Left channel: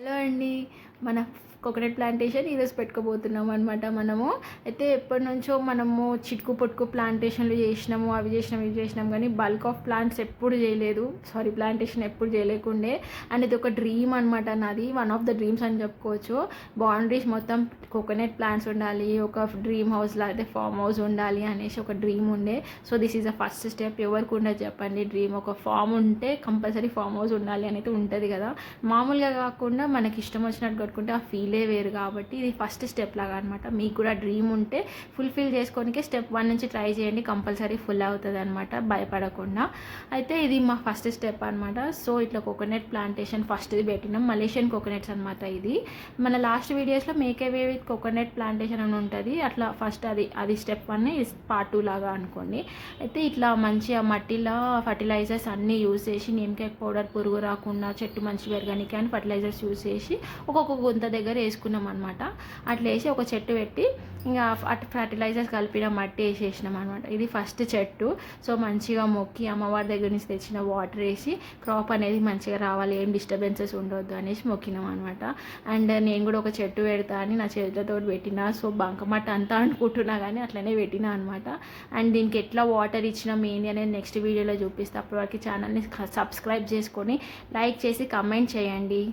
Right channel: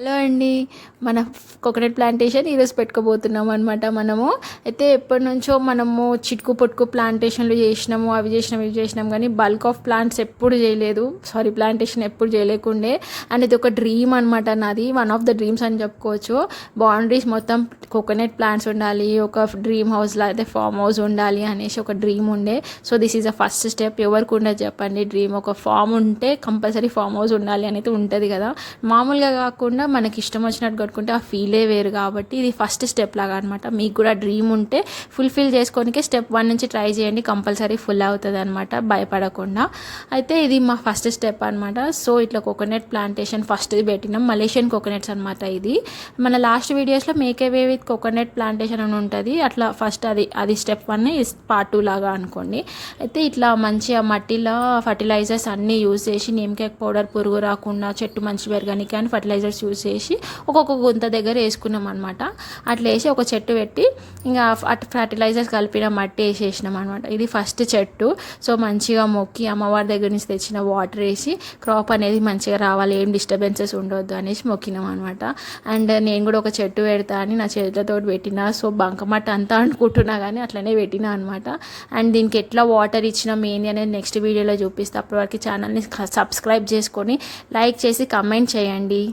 Hello అండి. మన coconut plantation ఈరోజు పెట్టుకోబోతున్నాం అనమాట. మనము అయితే ఎప్పటి నుంచో మనము చిటుకు పొట్టుకు ప్లాంటేషన్లు చేసినాము, అవి చేసినాం ఇవి చేసినాం, కానీ బల్క్ ఆఫ్ ప్లాంట్స్ ఎప్పుడు చేయలేదు. ప్లాంటేషన్ ఎప్పుడు చేయలేకుండే. అండ్ ఇది ఒక డ్రీమ్ అనమాట నాది, వన్ ఆఫ్ ద డ్రీమ్స్ అని చెప్పుకోవచ్చు. బౌండరీస్ మొత్తం కోకోనట్ ప్లాంట్స్ ఉండాలి, ఒక డ్రీమ్ హౌస్లో అయితే ఫామ్ హౌస్ ఉండాలి అనేసి ఒక డ్రీమ్ ఉండే. So this is a first step. ఎవరికి ఉండదు చెప్పండి డ్రీమ్. ఒక ఫామ్ ఉంటే కంపల్సరీ ఫామ్ హౌస్ ఉండాలి అనేది ఉంటుంది కదా. మామూలుగా కాకుండా మనకి ఇష్టం వచ్చినట్టు కట్టుకుంటే ఆ ఫీలే వేరు. కాబట్టి ఇది ఫస్ట్ స్టెప్ లాగా అనమాట. మీకు కూడా డ్రీమ్ ఉంటే ఫుల్ఫిల్ చేసుకోనికే స్టెప్ 1 నుంచి ట్రై చేయండి, కంపల్సరీ ఫుల్ అవుతుంది అనమాట, భయపడకుండా. అయితే ఇది మా ఫస్ట్ స్టెప్ అనమాట. సో ఇట్లా కోకోనట్ ప్లాంటేషన్ ఫస్ట్ది పెట్టినాం, మలేషియన్ కోకోనట్స్ అనమాట. ఇది మన లాస్ట్ వీడియోస్లో make a way with coconut plantation అని ఉంటుంది. అట్లా ఫస్ట్ అది స్టెప్ 1, పార్ట్ 2 లాగా అనుకోండి. అయితే ఇట్లా మంచిగా మట్టిలో ఫర్టిలైజర్స్ అన్నీ యూజ్ చేసి, నేమ్కేక్ పౌడర్ పురుగు రాకుండా చెట్టు మంచి పెరగడానికి అని ఫర్టిలైజర్స్ యూజ్ చేసి ఒక్కొక్క గుంత దగ్గర వేసుకున్నాం అనమాట. అట్లా వేసి ఒక చెట్టు పెట్టి ఇంకా అటు ఫర్టిలైజర్స్ కలిపిన మట్టి వేసేసినాం అనమాట. ఇది ఫస్ట్ చెట్టు. సో మంచిగా మొక్కి అమ్మవారి దగ్గర నుంచి తెచ్చిన వాటర్ వేసి క్రాప్ అనేది మంచిగా రావాలి, ఏం డిస్టర్బెన్సెస్ ఉండొద్దు అనేసి మొక్కినాం అనమాట. అండ్ నేను కూడా ఒక చెట్టు పెడతా అని నా చేతులతో పెట్టిన. సో బంకమట్ట అంతా అనుకుంటున్నా కానీ అట్లనే పెట్టినా అనమాట. అండ్ దీనికి ఎట్లా వాటర్ ఇచ్చినాం ఏంది అనేది నెక్స్ట్ వీడియోలో చూపిస్తా. అప్పటి వరకు ఛానల్ని సబ్స్క్రైబ్ చేసుకొని లైక్ చేసి కమెంట్ చేయండి.